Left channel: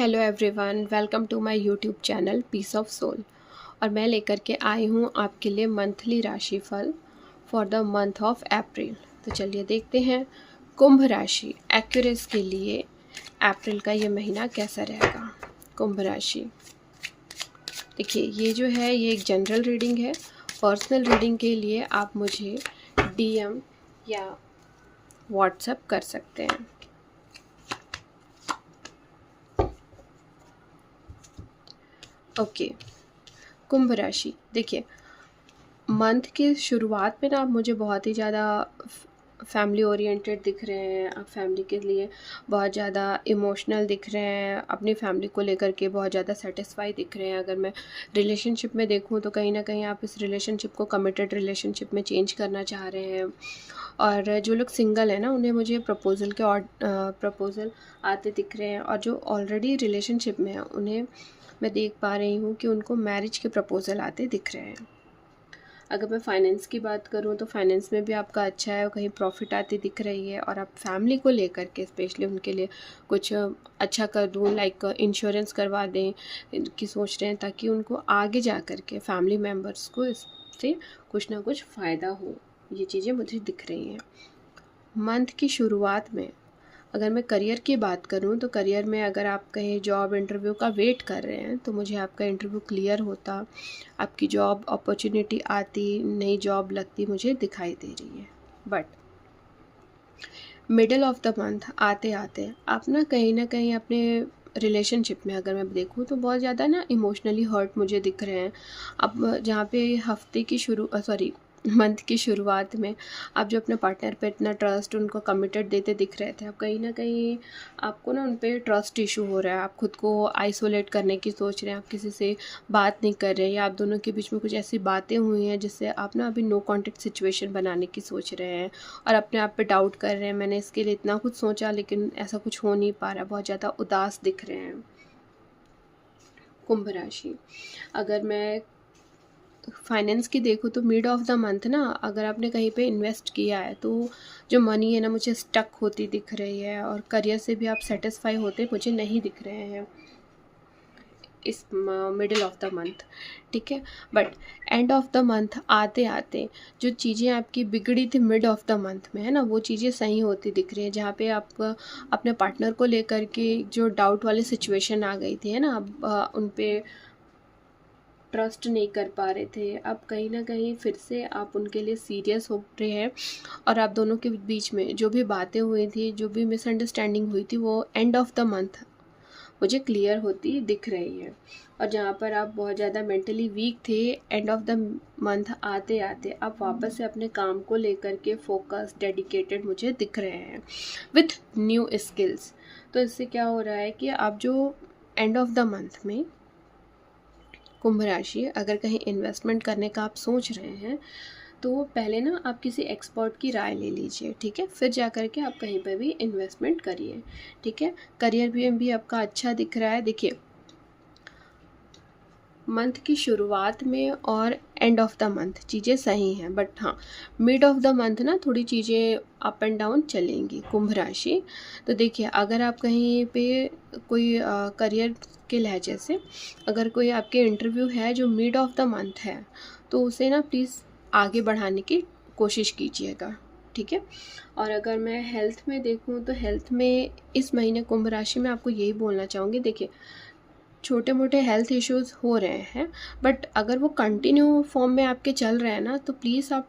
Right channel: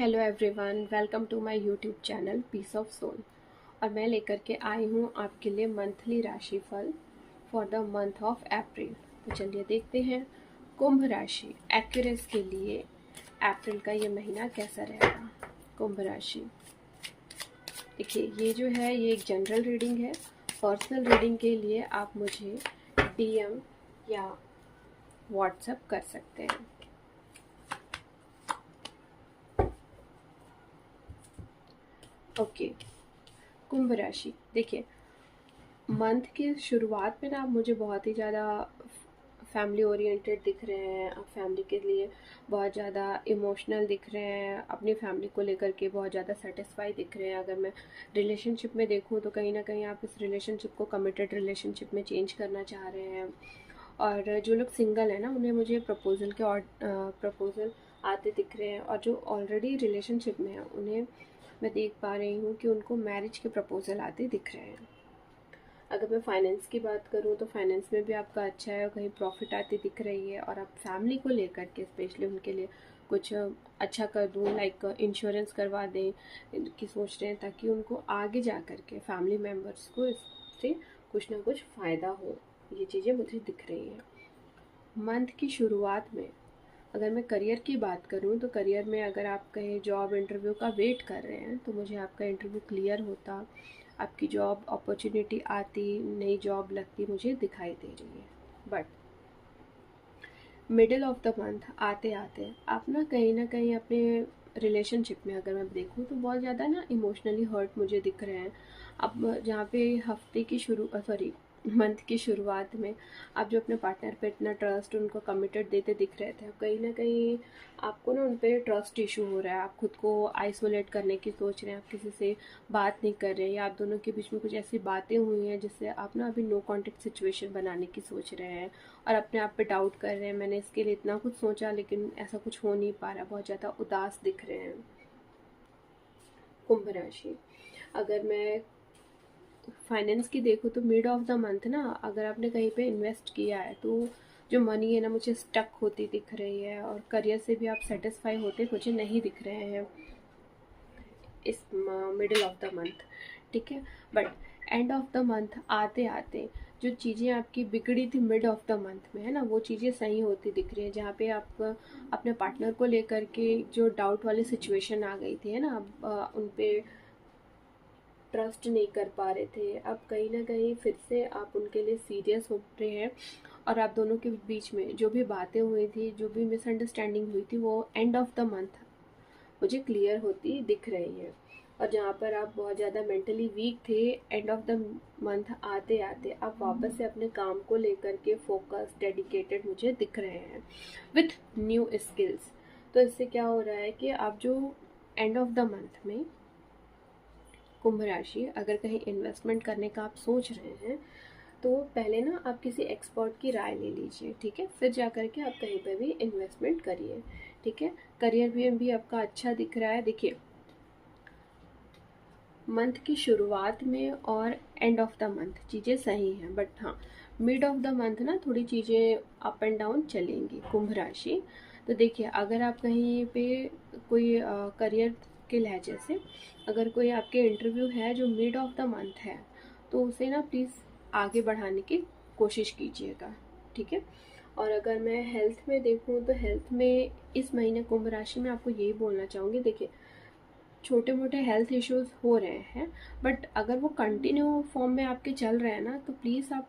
Hello everyone, welcome to my YouTube channel peace of soul. और मैं लेकर के आई हूँ आपके लिए मंथली राशिफल for the month of April. तो चलिए देखते हैं कुंभ राशि एक्यूरेस के लिए अप्रैल का ये महीना कैसा रहेगा। कुंभ राशि, देखिए ये जो है ये एक जनरल रीडिंग है। पर्सनल रीडिंग के लिए आप मुझे डीएम या व्हाट्सएप कर सकते हैं। ओके, कुंभ राशि, देखिए मंथ की शुरुआत में ना आप मुझे बहुत ही ज़्यादा फैमिली ओरिएंटेड दिख रहे हैं। आप फैमिली के लिए बहुत ज़्यादा इमोशनल दिख रहे हैं, अपनी फैमिली को लेकर के बहुत ज़्यादा सेटिस्फाई दिख रहे हैं। अगर मैं रिलेशनशिप में देखूँ तो कहीं ना कहीं आप इस रिलेशनशिप को कमिटेड रिलेशनशिप में चेंज करना चाह रहे हैं। और जो लोग सिंगल हैं ना, उन्हें मुझे प्रपोज़ल के और प्रपोज़ल आते दिख रहे हैं। और जो ऑलरेडी रिलेशनशिप में हैं उन्हें मैं देख पा रही हूँ कि उनको मैरिज के प्रपोज़ल आते दिख रहे हैं। अगर मैं फाइनेंस की बात करूँ तो फाइनेंस में भी आपका अच्छा है और कहीं प्रॉफिट आती दिख रही है। और आप फैमिली को लेकर के स्पेशली उनके लिए कुछ अच्छा कर दूँ, लाइक इंश्योरेंस करवा दें कि सोच रहे हैं, ताकि उनको आगे जा कर के फैमिली मेम्बर्स को इससे कुछ ना कुछ फ़ायदा हो। ये चीज़ें मुझे दिख रही हैं। मंथ की शुरुआत में अगर मैं करियर की बात करूं तो करियर में अगर आप कहीं जॉब इंटरव्यू का वेट कर रहे हैं तो मुझे आपका इंटरव्यू क्लियर होता, आपकी जॉब अपॉर्चुनिटी आती, नई जॉब लगती मुझे दिखाई दे रही है। But middle of the month आते आते आप ना कहीं अपने रिलेशनशिप में अगर मैं देखूँ तो बहुत ज़्यादा ना इमोशनली हर्ट मुझे दिख रहे हैं। अब जहाँ पे हफ्ते की मंथ की शुरुआत में आप जो अपने पार्टनर पे इतना ट्रस्ट उनको कमिटेड देते दिख रहे थे, अब कहीं ना कहीं आपको ना उन पे ट्रस्ट इशू हो रहा है। आप खुद को आइसोलेट करने की सोच रहे हैं, आप किसी से बात नहीं कर रहे, या आप दोनों के बीच में कुछ ऐसी बातें हुई हैं जिससे आप ना अभी नो कॉन्टेक्ट सिचुएशन बनाने की सोच रहे हैं और अपने आप पे डाउट कर रहे हैं। मैंने इसके लिए इतना कुछ सोचा लेकिन ऐसा कुछ हो नहीं पा रहा, बहुत ज़्यादा उदास दिख रहे हैं। कुंभ राशि, अगर मैं फाइनेंस की देखूँ तो मिड ऑफ द मंथ ना अगर आपने कहीं पे इन्वेस्ट किया है तो जो मनी है ना मुझे स्टक होती दिख रही है। और करियर से भी आप सेटिस्फाई होते मुझे नहीं दिख रहे हैं इस मिडिल ऑफ द मंथ, ठीक है। But end of the month आते आते जो चीज़ें आपकी बिगड़ी थी मिड ऑफ द मंथ में है ना, वो चीज़ें सही होती दिख रही है। जहाँ पे आप अपने पार्टनर को लेकर के जो डाउट वाली सिचुएशन आ गई थी है ना, आप उन पे ट्रस्ट नहीं कर पा रहे थे, अब कहीं ना कहीं फिर से आप उनके लिए सीरियस हो रहे हैं। और आप दोनों के बीच में जो भी बातें हुई थी, जो भी मिसअंडरस्टैंडिंग हुई थी, वो एंड ऑफ द मंथ मुझे क्लियर होती दिख रही है। और जहाँ पर आप बहुत ज़्यादा मेंटली वीक थे, एंड ऑफ द मंथ आते आते आप वापस से अपने काम को लेकर के फोकस डेडिकेटेड मुझे दिख रहे हैं विथ न्यू स्किल्स। तो इससे क्या हो रहा है कि आप जो एंड ऑफ द मंथ में कुंभ राशि अगर कहीं इन्वेस्टमेंट करने का आप सोच रहे हैं तो पहले ना आप किसी एक्सपर्ट की राय ले लीजिए, ठीक है, फिर जा कर के आप कहीं पर भी इन्वेस्टमेंट करिए, ठीक है। करियर भी आपका अच्छा दिख रहा है। देखिए मंथ की शुरुआत में और एंड ऑफ द मंथ चीज़ें सही हैं, बट हाँ मिड ऑफ द मंथ ना थोड़ी चीज़ें अप एंड डाउन चलेंगी कुंभ राशि। तो देखिए अगर आप कहीं पे कोई करियर के लहजे से अगर कोई आपके इंटरव्यू है जो मिड ऑफ द मंथ है तो उसे ना प्लीज़ आगे बढ़ाने की कोशिश कीजिएगा, ठीक है। और अगर मैं हेल्थ में देखूं तो हेल्थ में इस महीने कुंभ राशि में आपको यही बोलना चाहूँगी। देखिए छोटे मोटे हेल्थ इश्यूज हो रहे हैं, बट अगर वो कंटिन्यू फॉर्म में आपके चल रहे हैं ना तो प्लीज़ आप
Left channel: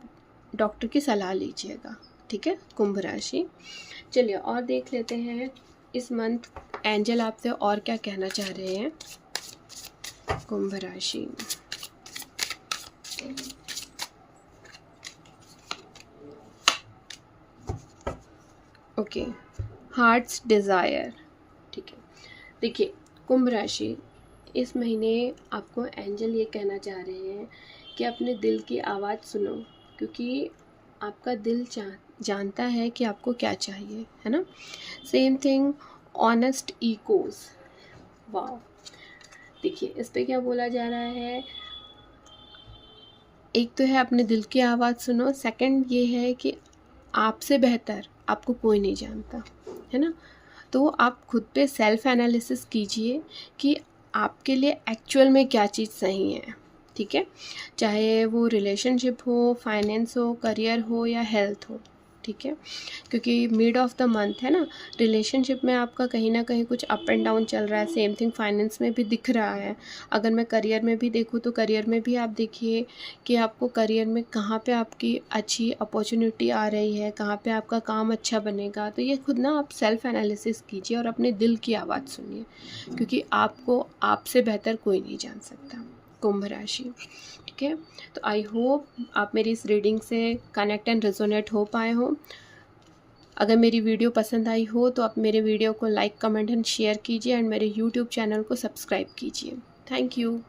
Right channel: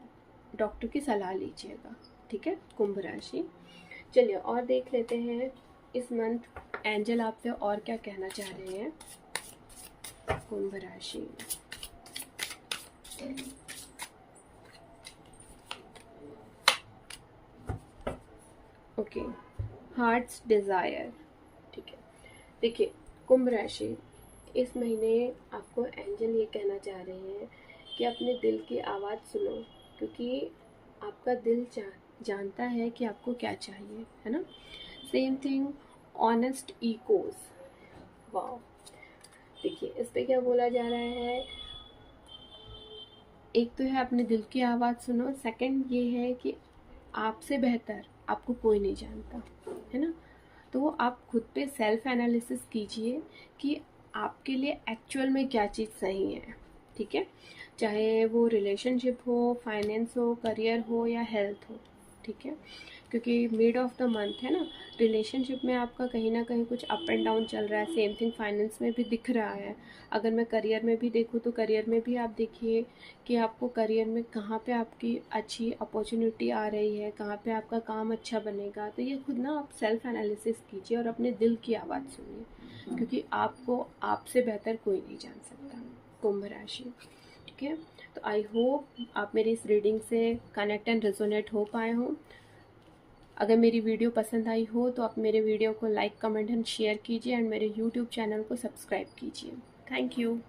डॉक्टर की सलाह लीजिएगा, ठीक है कुंभ राशि। चलिए और देख लेते हैं इस मंथ एंजल आपसे और क्या कहना चाह रहे हैं। कुंभ राशि, ओके, हार्ट्स डिज़ायर, ठीक है। देखिए कुंभ राशि, इस महीने आपको एंजल ये कहना चाह रहे हैं कि अपने दिल की आवाज़ सुनो, क्योंकि आपका दिल जानता है कि आपको क्या चाहिए, है ना। सेम थिंग ऑनेस्ट इकोज, वाह। देखिए इस पे क्या बोला जा रहा है, एक तो है अपने दिल की आवाज़ सुनो, सेकंड ये है कि आपसे बेहतर आपको कोई नहीं जानता, है ना। तो आप खुद पे सेल्फ एनालिसिस कीजिए कि आपके लिए एक्चुअल में क्या चीज़ सही है, ठीक है? चाहे वो रिलेशनशिप हो, फाइनेंस हो, करियर हो या हेल्थ हो, ठीक है? क्योंकि मिड ऑफ द मंथ है ना, रिलेशनशिप में आपका कहीं ना कहीं कुछ अप एंड डाउन चल रहा है, सेम थिंग फाइनेंस में भी दिख रहा है। अगर मैं करियर में भी देखूँ तो करियर में भी आप देखिए कि आपको करियर में कहाँ पे आपकी अच्छी अपॉर्चुनिटी आ रही है, कहाँ पे आपका काम अच्छा बनेगा। तो ये खुद ना आप सेल्फ एनालिसिस कीजिए और अपने दिल की आवाज़ सुनिए, क्योंकि आपको आपसे बेहतर कोई नहीं जान सकता। कुंभ राशि, ठीक है? तो आई होप आप मेरी इस रीडिंग से कनेक्ट एंड रेजोनेट हो पाए हो। अगर मेरी वीडियो पसंद आई हो तो आप मेरे वीडियो को लाइक, कमेंट एंड शेयर कीजिए एंड मेरे यूट्यूब चैनल को सब्सक्राइब कीजिए। Thank you.